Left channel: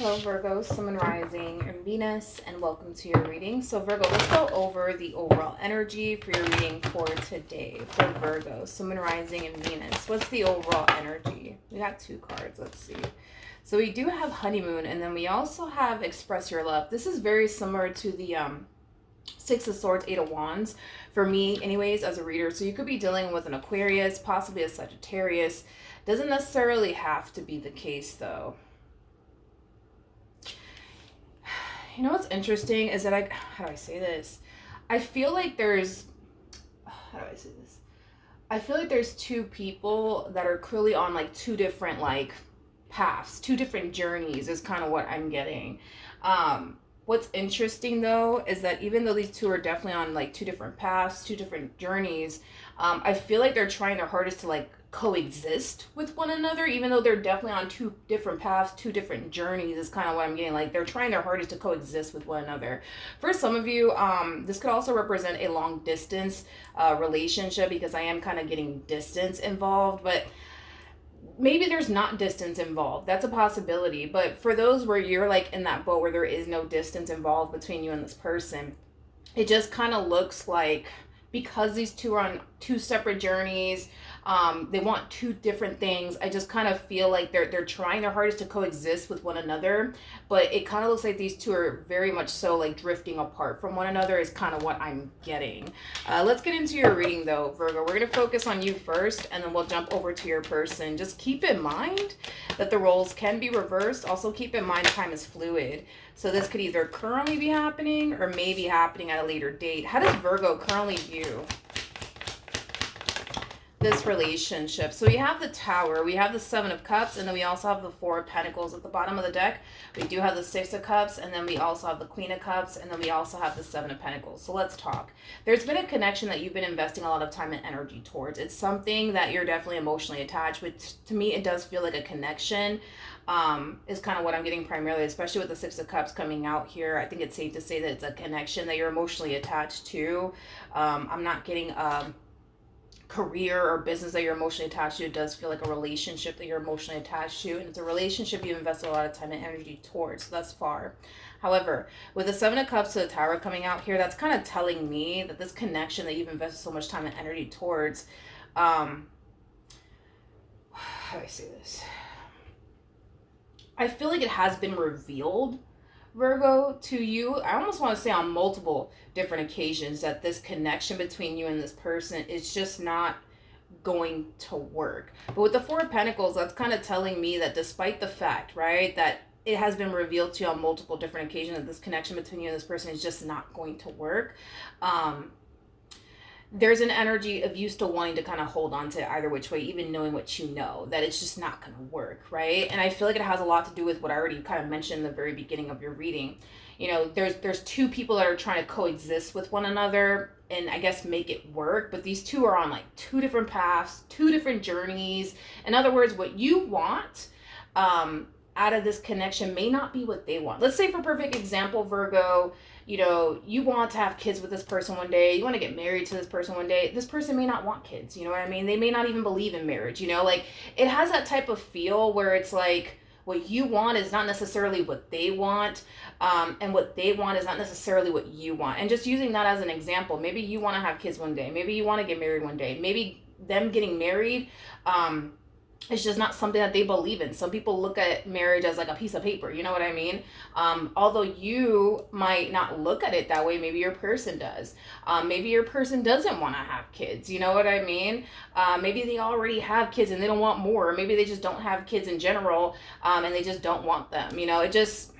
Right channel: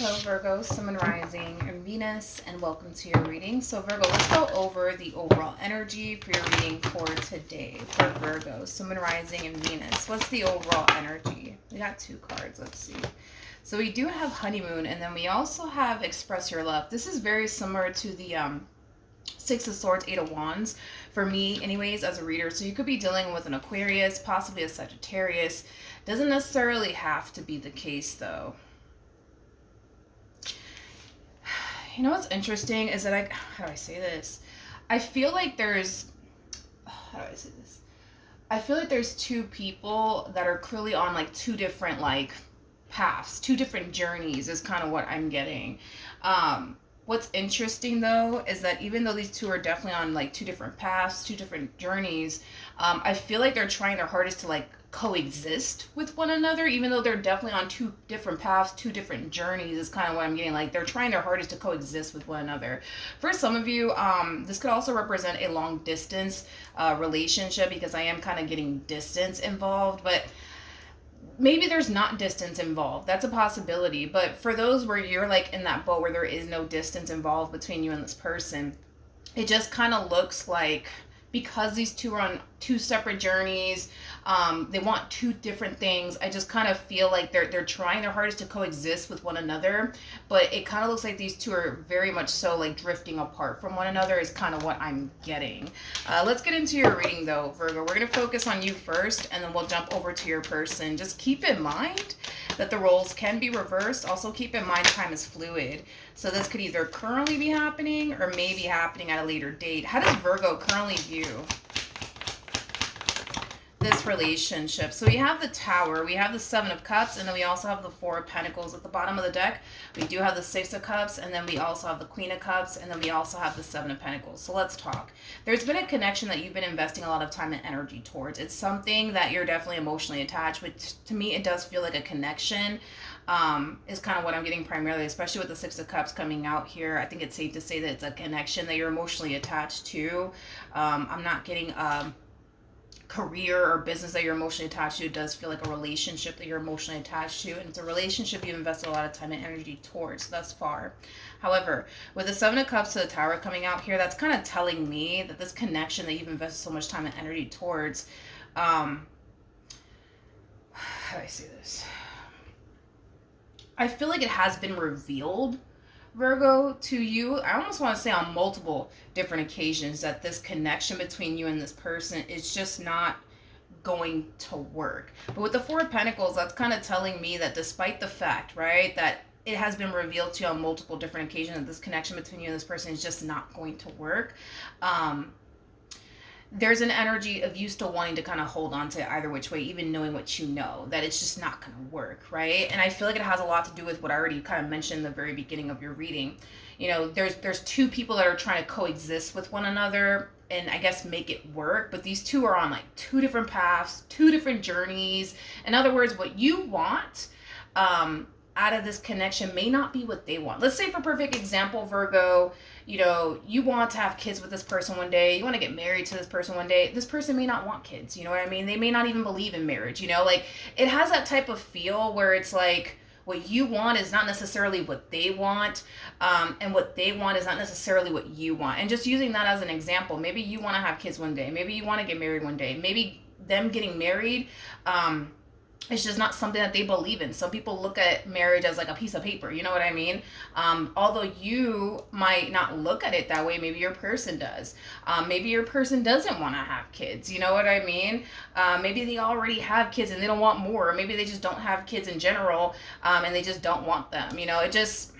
Hello Virgo, Sun and Rising, and Venus, and welcome to your reading. So Virgo, let's go over the overall energy for your reading for today. For Virgo, Sun and Rising, and Venus. What's the overall energy? We got two cards, let's see. So we do have Honeymoon, and then we also have Express Your Love. This is very similar to the Six of Swords, Eight of Wands, for me anyways, as a reader. So you could be dealing with an Aquarius, possibly a Sagittarius. Doesn't necessarily have to be the case though. You know what's interesting is that how do I say this? I feel like there's, how do I say this? I feel like there's two people that are clearly on like two different like paths, two different journeys is kind of what I'm getting. What's interesting though is that even though these two are definitely on like two different paths, two different journeys, I feel like they're trying their hardest to like coexist with one another, even though they're definitely on two different paths, two different journeys is kind of what I'm getting. Like they're trying their hardest to coexist with one another. For some of you, this could also represent a long distance relationship, because I am kind of getting distance involved, but maybe there's not distance involved. That's a possibility. But for those where you're like in that boat where there is no distance involved between you and this person, it just kind of looks like, because these two are on two separate journeys, they want two different things. I just kind of feel like they're trying their hardest to coexist with one another, but it kind of looks like these two are very much so like drifting apart from one another is kind of what I'm getting. Let's get into your reading though, Virgo. We're going to focus on you first, and then we'll jump over to your person. Just keep in mind that the roles can be reversed. Also keep in mind time is fluid. So this could either currently be happening or maybe happening at a later date. How does Virgo currently view this relationship? So we have the Tower, we have the Seven of Cups, and then we also have the Four of Pentacles at the bottom of the deck. We do have the Six of Cups, and then we also have the Queen of Cups, and then we also have the Seven of Pentacles. So let's talk. There's been a connection that you've been investing a lot of time and energy towards. It's something that you're definitely emotionally attached with. To me, it does feel like a connection. Is kind of what I'm getting primarily, especially with the Six of Cups coming out here. I think it's safe to say that it's a connection that you're emotionally attached to. I'm not getting career or business that you're emotionally attached to. It does feel like a relationship that you're emotionally attached to, and it's a relationship you've invested a lot of time and energy towards thus far. However, with the Seven of Cups to the Tower coming out here, that's kind of telling me that this connection that you've invested so much time and energy towards, how do I say this? I feel like it has been revealed, Virgo, to you. I almost want to say on multiple different occasions that this connection between you and this person is just not going to work. But with the Four of Pentacles, that's kind of telling me that despite the fact, right, that it has been revealed to you on multiple different occasions that this connection between you and this person is just not going to work. There's an energy of you still wanting to kind of hold on to it either which way, even knowing what you know, that it's just not going to work, right? And I feel like it has a lot to do with what I already kind of mentioned in the very beginning of your reading. You know, there's two people that are trying to coexist with one another and I guess make it work, but these two are on like two different paths, two different journeys. In other words, what you want out of this connection may not be what they want. Let's say, for perfect example, Virgo, you know, you want to have kids with this person one day, you want to get married to this person one day. This person may not want kids, you know what I mean? They may not even believe in marriage, you know? Like, it has that type of feel where it's like, what you want is not necessarily what they want, and what they want is not necessarily what you want. And just using that as an example, maybe you want to have kids one day, maybe you want to get married one day, maybe them getting married, it's just not something that they believe in. Some people look at marriage as like a piece of paper, you know what I mean? Although you might not look at it that way, maybe your person does. Maybe your person doesn't want to have kids, you know what I mean? Maybe they already have kids and they don't want more. Maybe they just don't have kids in general, and they just don't want them. You know, it just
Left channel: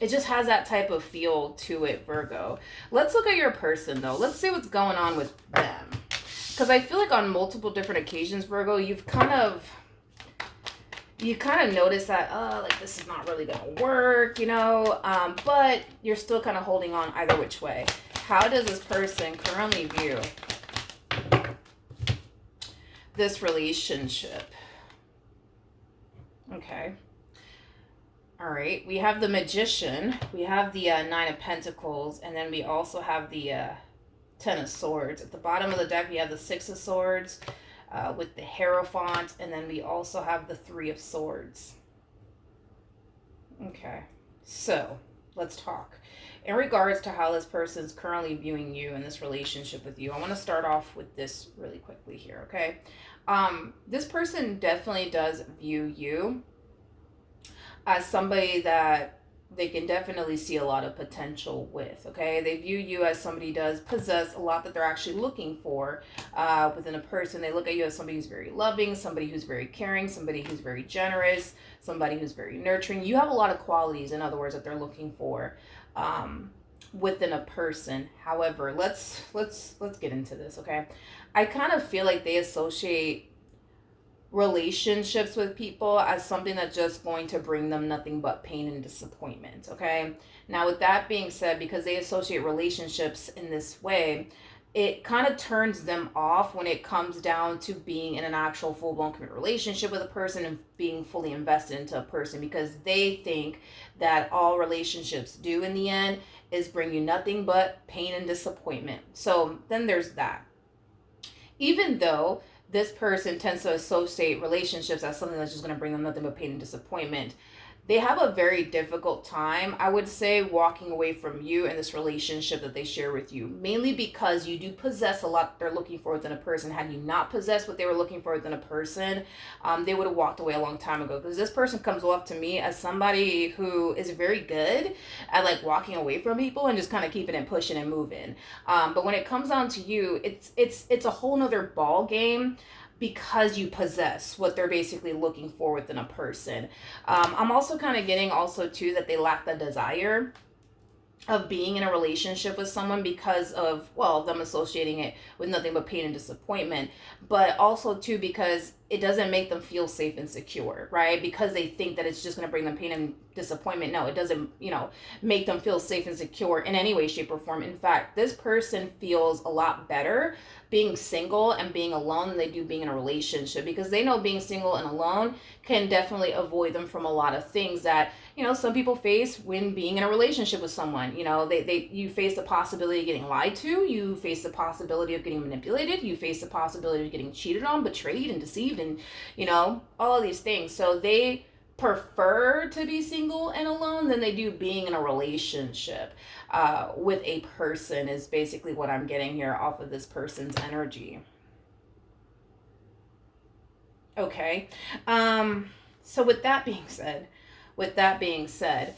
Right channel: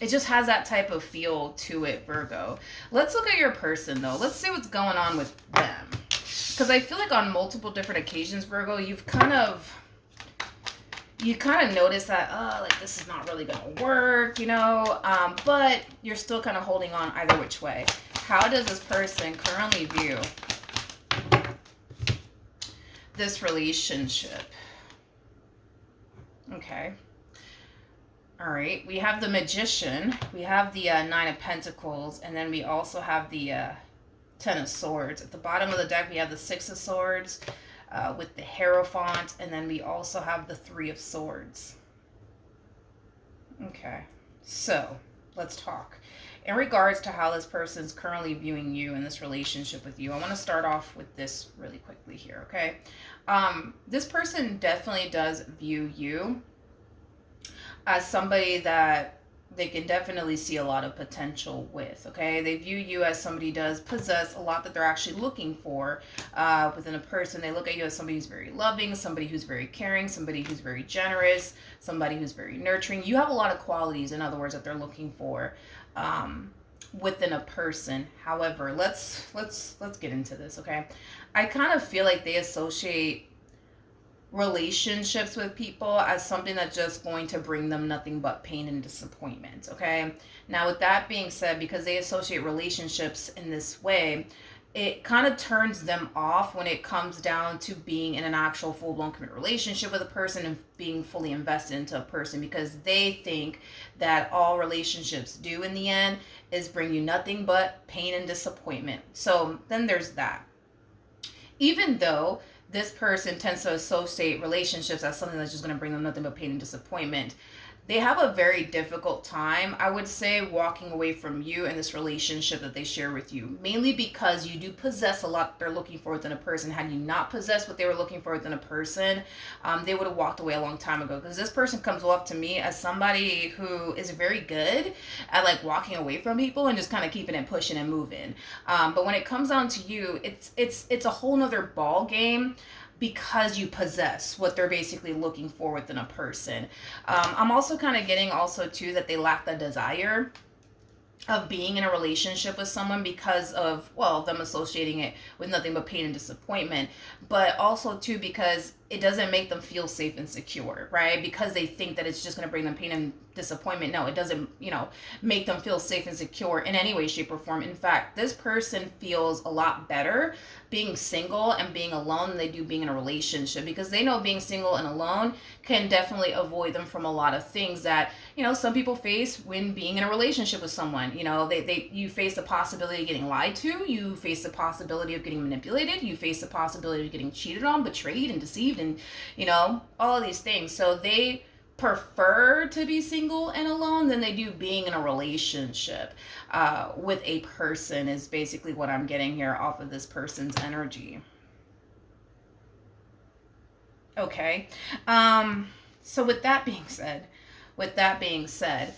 has that type of feel to it, Virgo. Let's look at your person though. Let's see what's going on with them. Because I feel like on multiple different occasions, Virgo, you kind of notice that, oh, like this is not really gonna work, you know, but you're still kind of holding on either which way. How does this person currently view this relationship? Okay. All right. We have the Magician. We have the Nine of Pentacles. And then we also have the Ten of Swords. At the bottom of the deck, we have the Six of Swords. With the Hierophant, and then we also have the Three of Swords. Okay. So let's talk. In regards to how this person's currently viewing you in this relationship with you, I want to start off with this really quickly here, okay? This person definitely does view you as somebody that they can definitely see a lot of potential with. Okay, they view you as somebody does possess a lot that they're actually looking for within a person. They look at you as somebody who's very loving, somebody who's very caring, somebody who's very generous, somebody who's very nurturing. You have a lot of qualities, in other words, that they're looking for within a person. However, let's get into this. Okay, I kind of feel like they associate relationships with people as something that's just going to bring them nothing but pain and disappointment. Okay, now with that being said, because they associate relationships in this way, it kind of turns them off when it comes down to being in an actual full-blown committed relationship with a person and being fully invested into a person, because they think that all relationships do in the end is bring you nothing but pain and disappointment. So then there's that. Even though this person tends to associate relationships as something that's just going to bring them nothing but pain and disappointment, they have a very difficult time, I would say, walking away from you in this relationship that they share with you, mainly because you do possess a lot they're looking for within a person. Had you not possessed what they were looking for within a person, they would have walked away a long time ago, because this person comes off to me as somebody who is very good at like walking away from people and just kind of keeping it pushing and moving, but when it comes down to you, it's a whole nother ball game, because you possess what they're basically looking for within a person. I'm also kind of getting also too that they lack the desire of being in a relationship with someone because of, well, them associating it with nothing but pain and disappointment, but also too because it doesn't make them feel safe and secure, right? Because they think that it's just going to bring them pain and disappointment. No, it doesn't, make them feel safe and secure in any way, shape, or form. In fact, this person feels a lot better being single and being alone than they do being in a relationship, because they know being single and alone can definitely avoid them from a lot of things that some people face when being in a relationship with someone. You face the possibility of getting lied to, you face the possibility of getting manipulated, you face the possibility of getting cheated on, betrayed, and deceived, and all of these things. So they prefer to be single and alone than they do being in a relationship with a person, is basically what I'm getting here off of this person's energy. Okay. So with that being said,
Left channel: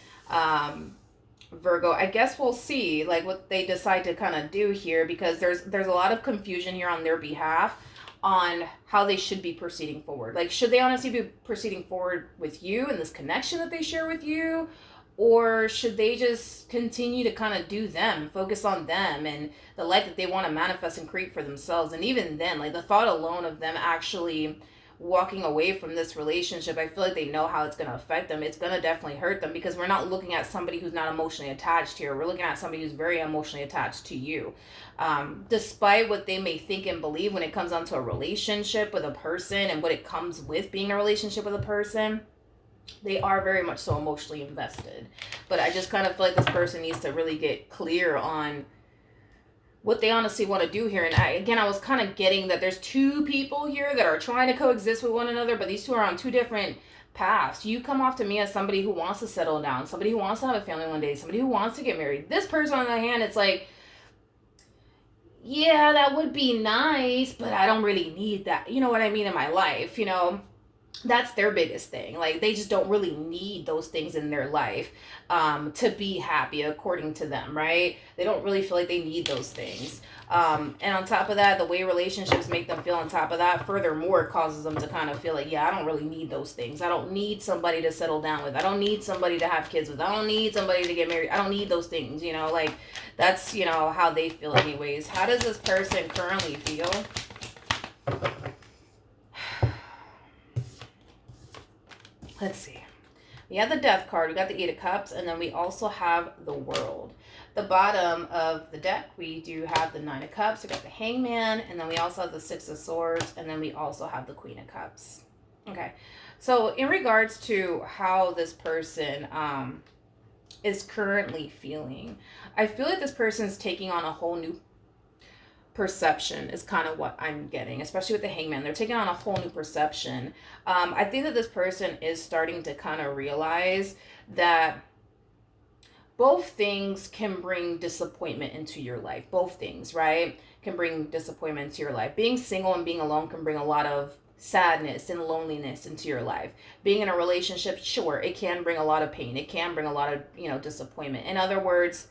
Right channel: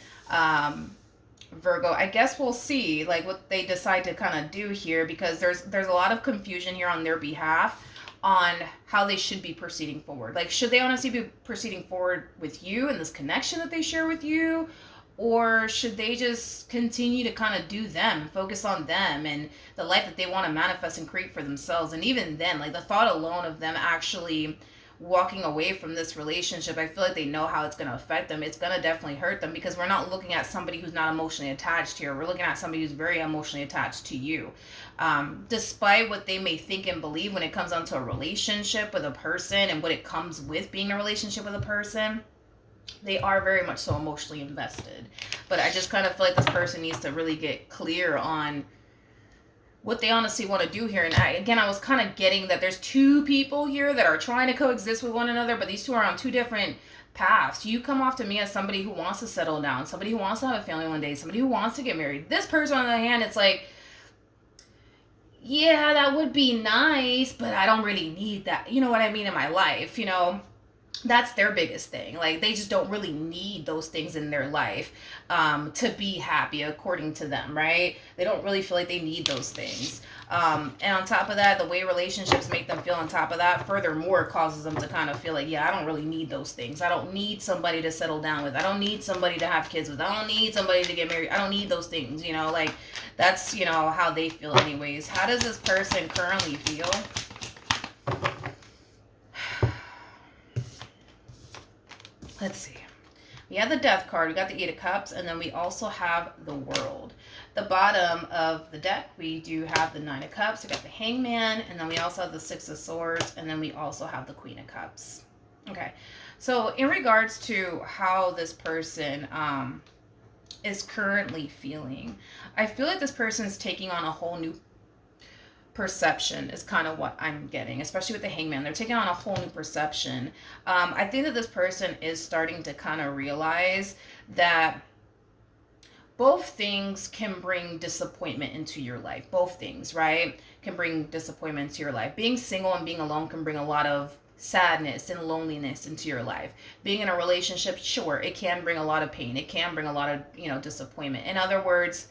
Virgo, I guess we'll see like what they decide to kind of do here, because there's a lot of confusion here on their behalf on how they should be proceeding forward. Like, should they honestly be proceeding forward with you and this connection that they share with you? Or should they just continue to kind of do them, focus on them and the life that they want to manifest and create for themselves? And even then, like the thought alone of them actually walking away from this relationship, I feel like they know how it's going to affect them. It's going to definitely hurt them, because we're not looking at somebody who's not emotionally attached here. We're looking at somebody who's very emotionally attached to you. Despite what they may think and believe when it comes down to a relationship with a person and what it comes with being in a relationship with a person, they are very much so emotionally invested. But I just kind of feel like this person needs to really get clear on what they honestly want to do here. And I was kind of getting that there's two people here that are trying to coexist with one another, but these two are on two different paths. You come off to me as somebody who wants to settle down, somebody who wants to have a family one day, somebody who wants to get married. This person, on the other hand, it's like, yeah, that would be nice, but I don't really need that. You know what I mean? In my life, that's their biggest thing. Like, they just don't really need those things in their life to be happy, according to them, right? They don't really feel like they need those things. And on top of that, the way relationships make them feel on top of that, furthermore, causes them to kind of feel like, yeah, I don't really need those things. I don't need somebody to settle down with. I don't need somebody to have kids with. I don't need somebody to get married. I don't need those things, like that's, how they feel anyways. How does this person currently feel? Let's see. We have the Death card, we got the Eight of Cups, and then we also have the World. The bottom of the deck, we do have the Nine of Cups, we got the Hangman, and then we also have the Six of Swords, and then we also have the Queen of Cups. Okay, so in regards to how this person is currently feeling, I feel like this person is taking on a whole new perception, is kind of what I'm getting, especially with the Hangman. They're taking on a whole new perception. I think that this person is starting to kind of realize that both things can bring disappointment into your life. Both things, right? Can bring disappointment into your life. Being single and being alone can bring a lot of sadness and loneliness into your life. Being in a relationship, sure, it can bring a lot of pain. It can bring a lot of, disappointment. In other words,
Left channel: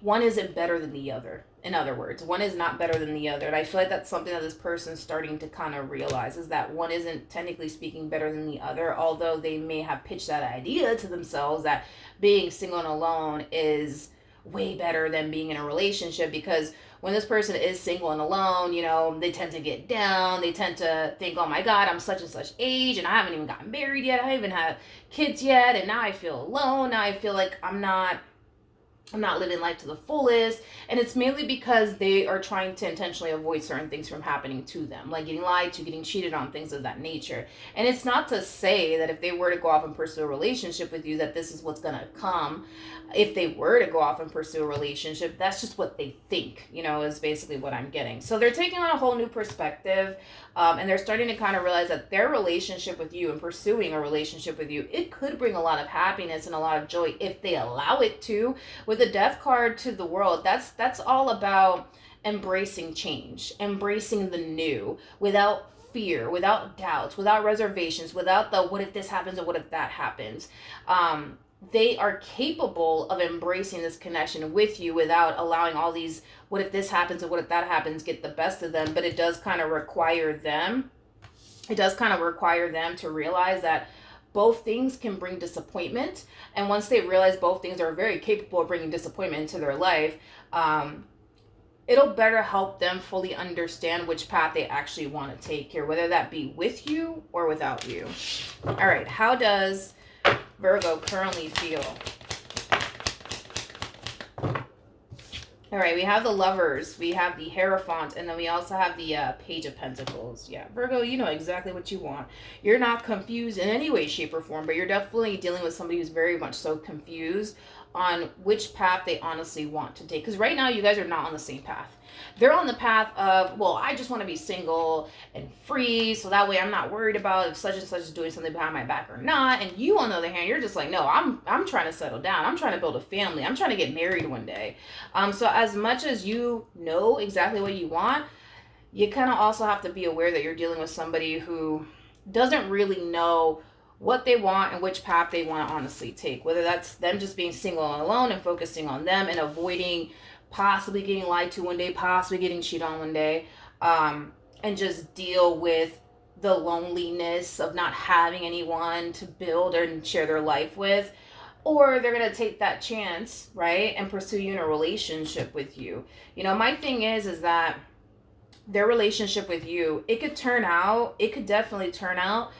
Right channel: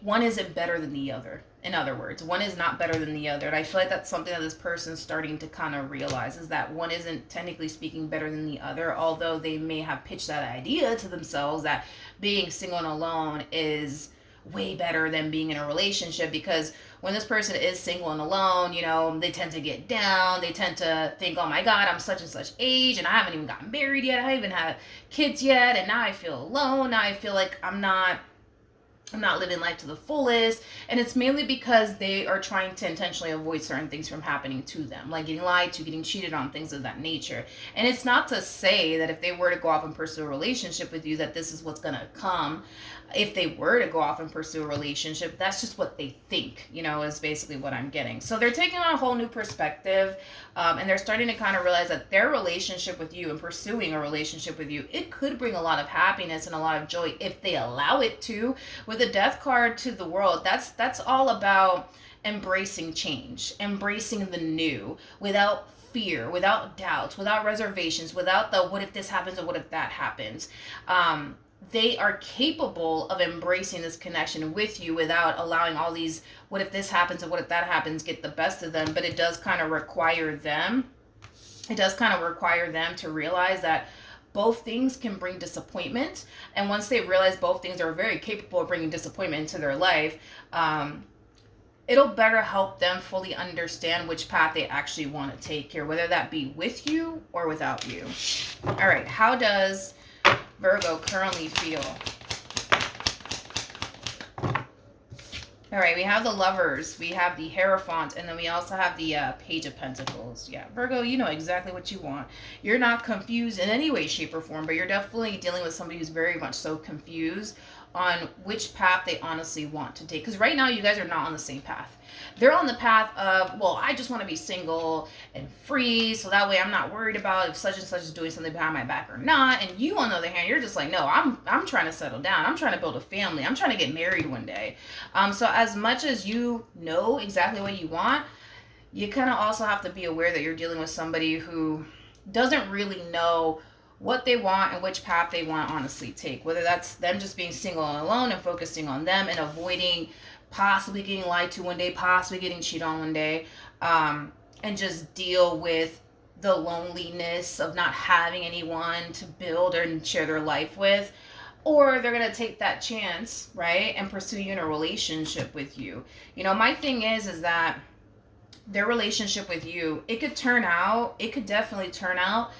one isn't better than the other. In other words, one is not better than the other. And I feel like that's something that this person's starting to kind of realize, is that one isn't technically speaking better than the other, although they may have pitched that idea to themselves that being single and alone is way better than being in a relationship. Because when this person is single and alone, they tend to get down. They tend to think, oh my God, I'm such and such age and I haven't even gotten married yet. I haven't even had kids yet. And now I feel alone. Now I feel like I'm not living life to the fullest. And it's mainly because they are trying to intentionally avoid certain things from happening to them, like getting lied to, getting cheated on, things of that nature. And it's not to say that if they were to go off and pursue a relationship with you, that this is what's going to come. If they were to go off and pursue a relationship, that's just what they think, is basically what I'm getting. So they're taking on a whole new perspective, and they're starting to kind of realize that their relationship with you and pursuing a relationship with you, it could bring a lot of happiness and a lot of joy if they allow it to. With the Death card to the World, that's all about embracing change, embracing the new, without fear, without doubts, without reservations, without the what if this happens or what if that happens. They are capable of embracing this connection with you without allowing all these what if this happens or what if that happens get the best of them. But it does kind of require them to realize that both things can bring disappointment. And once they realize both things are very capable of bringing disappointment into their life, it'll better help them fully understand which path they actually want to take here, whether that be with you or without you. All right, how does Virgo currently feel? All right, we have the Lovers, we have the Hierophant, and then we also have the Page of Pentacles. Yeah, Virgo, you know exactly what you want. You're not confused in any way, shape, or form, but you're definitely dealing with somebody who's very much so confused on which path they honestly want to take. Because right now, you guys are not on the same path. They're on the path of, well, I just want to be single and free, so that way I'm not worried about if such and such is doing something behind my back or not. And you, on the other hand, you're just like, no, I'm trying to settle down. I'm trying to build a family. I'm trying to get married one day. So as much as you know exactly what you want, you kind of also have to be aware that you're dealing with somebody who doesn't really know what they want and which path they want to honestly take. Whether that's them just being single and alone and focusing on them and avoiding possibly getting lied to one day, possibly getting cheated on one day, and just deal with the loneliness of not having anyone to build and share their life with. Or they're going to take that chance, right, and pursue you in a relationship with you. My thing is that their relationship with you, it could definitely turn out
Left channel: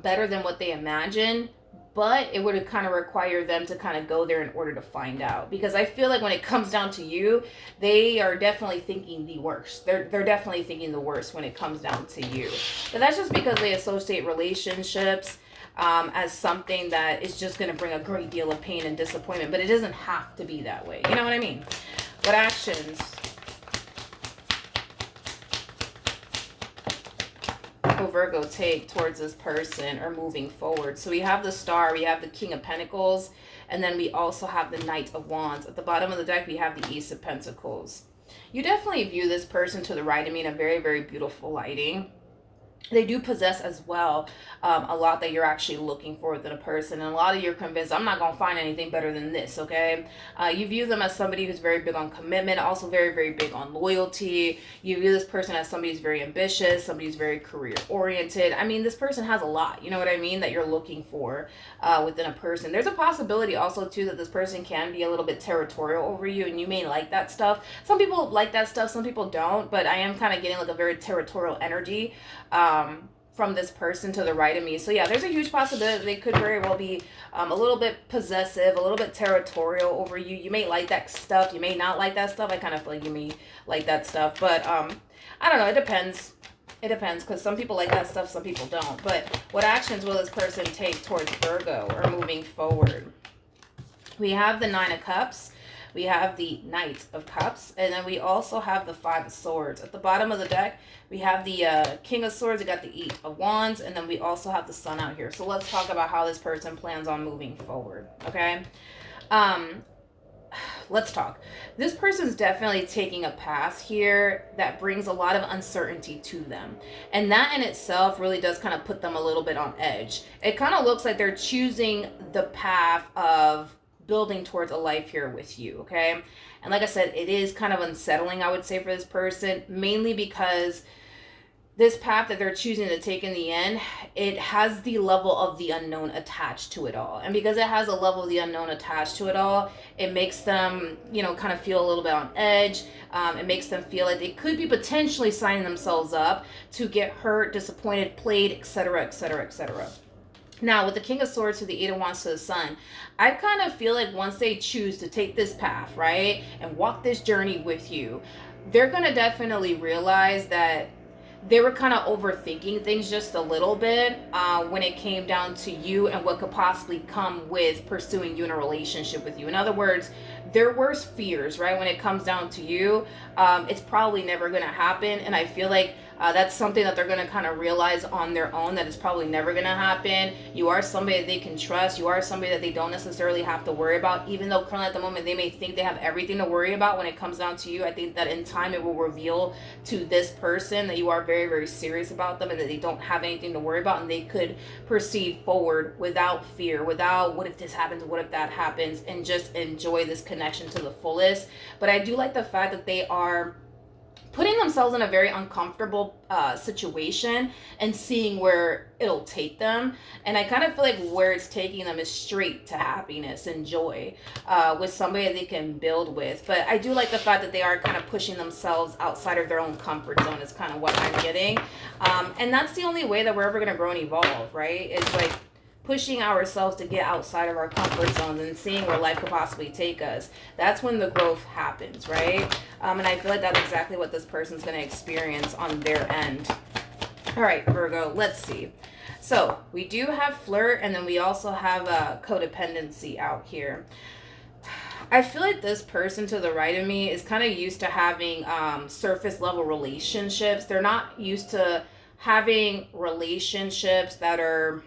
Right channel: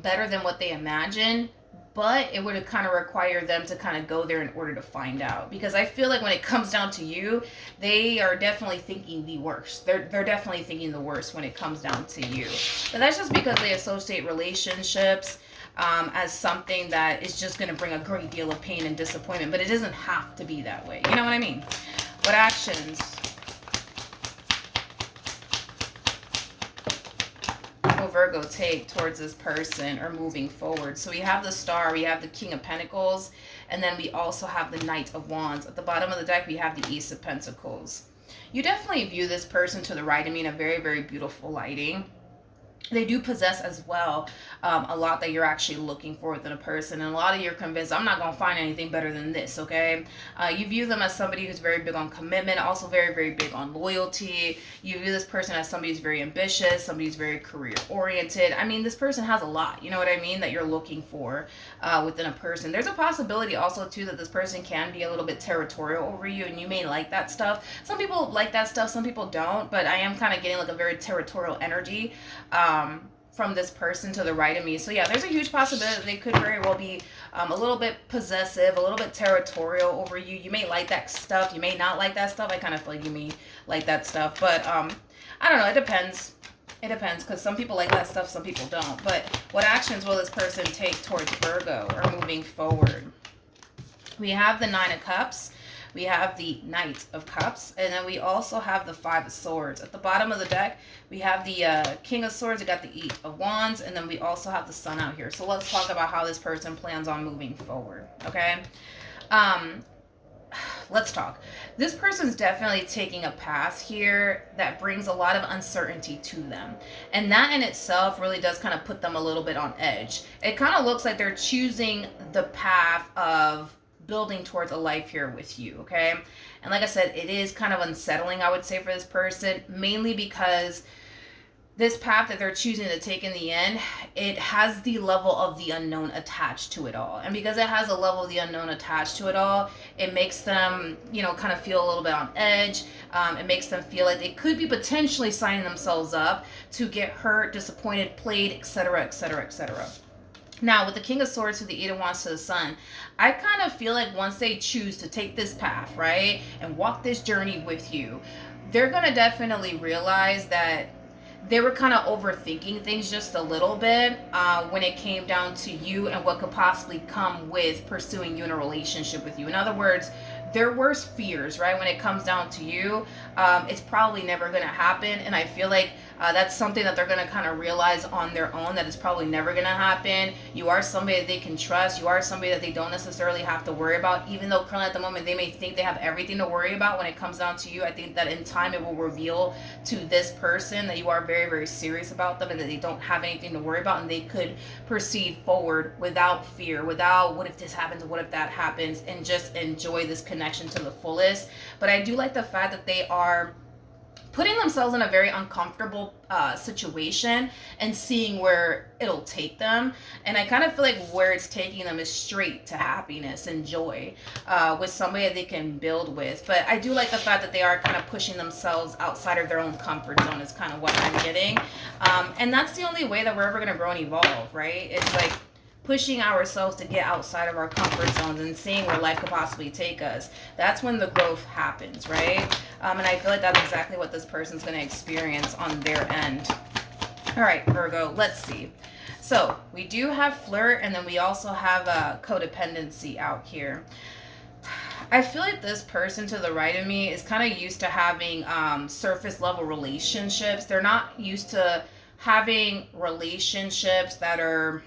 better than what they imagine. But it would kind of require them to kind of go there in order to find out. Because I feel like when it comes down to you, they are definitely thinking the worst. They're definitely thinking the worst when it comes down to you. But that's just because they associate relationships as something that is just going to bring a great deal of pain and disappointment. But it doesn't have to be that way. You know what I mean? What actions will Virgo take towards this person or moving forward? So we have the Star, we have the King of Pentacles, and then we also have the Knight of Wands. At the bottom of the deck, we have the Ace of Pentacles. You definitely view this person to the right of me in a very, very beautiful lighting. They do possess as well a lot that you're actually looking for within a person. And a lot of you're convinced, I'm not going to find anything better than this, okay? You view them as somebody who's very big on commitment, also very, very big on loyalty. You view this person as somebody who's very ambitious, somebody who's very career-oriented. I mean, this person has a lot, you know what I mean, that you're looking for within a person. There's a possibility also, too, that this person can be a little bit territorial over you, and you may like that stuff. Some people like that stuff, some people don't, but I am kind of getting like a very territorial energy from this person to the right of me. So yeah, there's a huge possibility they could very well be a little bit possessive, a little bit territorial over you. You may like that stuff, you may not like that stuff. I kind of feel like you may like that stuff, but I don't know, it depends. It depends, because some people like that stuff, some people don't. But what actions will this person take towards Virgo or moving forward? We have the Nine of Cups. We have the Knight of Cups, and then we also have the Five of Swords. At the bottom of the deck, we have the King of Swords, we got the Eight of Wands, and then we also have the Sun out here. So let's talk about how this person plans on moving forward, okay? Um, let's talk. This person's definitely taking a path here that brings a lot of uncertainty to them. And that in itself really does kind of put them a little bit on edge. It kind of looks like they're choosing the path of building towards a life here with you, okay? And like I said, it is kind of unsettling, I would say, for this person, mainly because this path that they're choosing to take in the end, it has the level of the unknown attached to it all. And because it has a level of the unknown attached to it all, it makes them, kind of feel a little bit on edge. It makes them feel like they could be potentially signing themselves up to get hurt, disappointed, played, etc., etc., etc. Now, with the King of Swords to the Eight of Wands to the Sun, I kind of feel like once they choose to take this path, right, and walk this journey with you, they're going to definitely realize that they were kind of overthinking things just a little bit when it came down to you and what could possibly come with pursuing you in a relationship with you. In other words, their worst fears, right, when it comes down to you, it's probably never going to happen. And I feel like that's something that they're going to kind of realize on their own, that it's probably never going to happen. You are somebody that they can trust. You are somebody that they don't necessarily have to worry about, even though currently at the moment they may think they have everything to worry about when it comes down to you. I think that in time it will reveal to this person that you are very, very serious about them and that they don't have anything to worry about, and they could proceed forward without fear, without what if this happens, what if that happens, and just enjoy this connection to the fullest. But I do like the fact that they are putting themselves in a very uncomfortable situation and seeing where it'll take them. And I kind of feel like where it's taking them is straight to happiness and joy with somebody that they can build with. But I do like the fact that they are kind of pushing themselves outside of their own comfort zone is kind of what I'm getting. And that's the only way that we're ever going to grow and evolve, right? It's like pushing ourselves to get outside of our comfort zones and seeing where life could possibly take us. That's when the growth happens, right? And I feel like that's exactly what this person's going to experience on their end. All right, Virgo, let's see. So we do have flirt, and then we also have codependency out here. I feel like this person to the right of me is kind of used to having surface level relationships. They're not used to having relationships that are,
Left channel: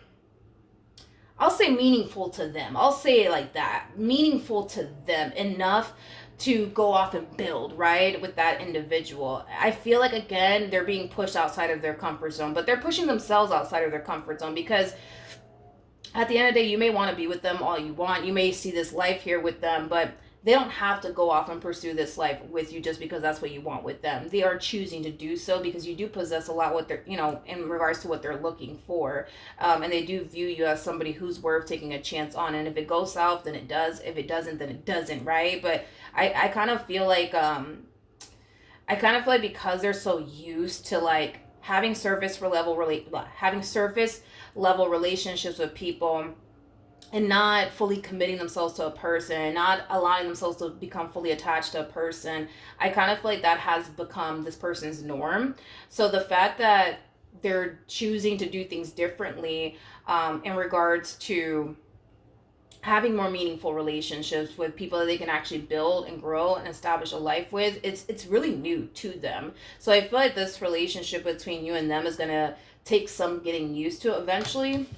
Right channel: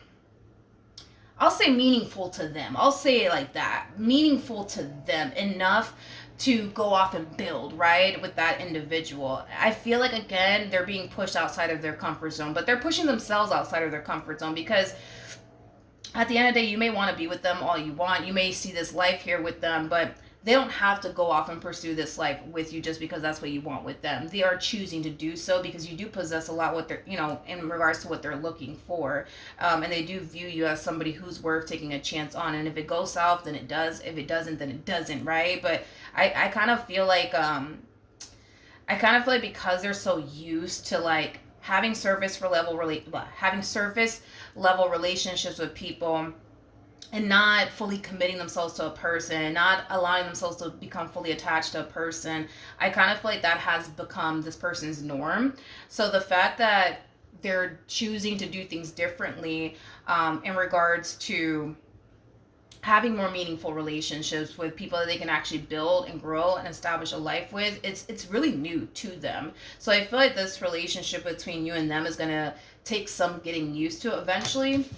I'll say, meaningful to them. I'll say it like that. Meaningful to them enough to go off and build, right, with that individual. I feel like, again, they're being pushed outside of their comfort zone, but they're pushing themselves outside of their comfort zone because at the end of the day, you may want to be with them all you want. You may see this life here with them, but they don't have to go off and pursue this life with you just because that's what you want with them. They are choosing to do so because you do possess a lot what they're, in regards to what they're looking for. And they do view you as somebody who's worth taking a chance on. And if it goes south, then it does. If it doesn't, then it doesn't, right? But I kind of feel like, because they're so used to like having surface level relationships with people and not fully committing themselves to a person, not allowing themselves to become fully attached to a person, I kind of feel like that has become this person's norm. So the fact that they're choosing to do things differently in regards to having more meaningful relationships with people that they can actually build and grow and establish a life with, it's really new to them. So I feel like this relationship between you and them is going to take some getting used to eventually.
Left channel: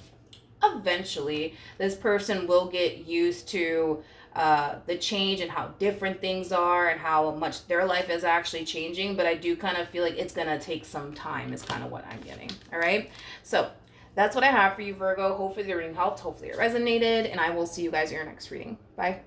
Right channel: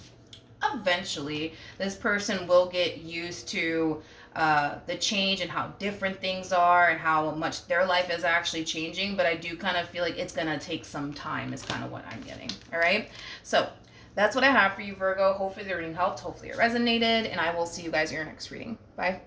This person will get used to the change and how different things are and how much their life is actually changing. But I do kind of feel like it's going to take some time is kind of what I'm getting. All right. So that's what I have for you, Virgo. Hopefully the reading helped. Hopefully it resonated. And I will see you guys in your next reading. Bye.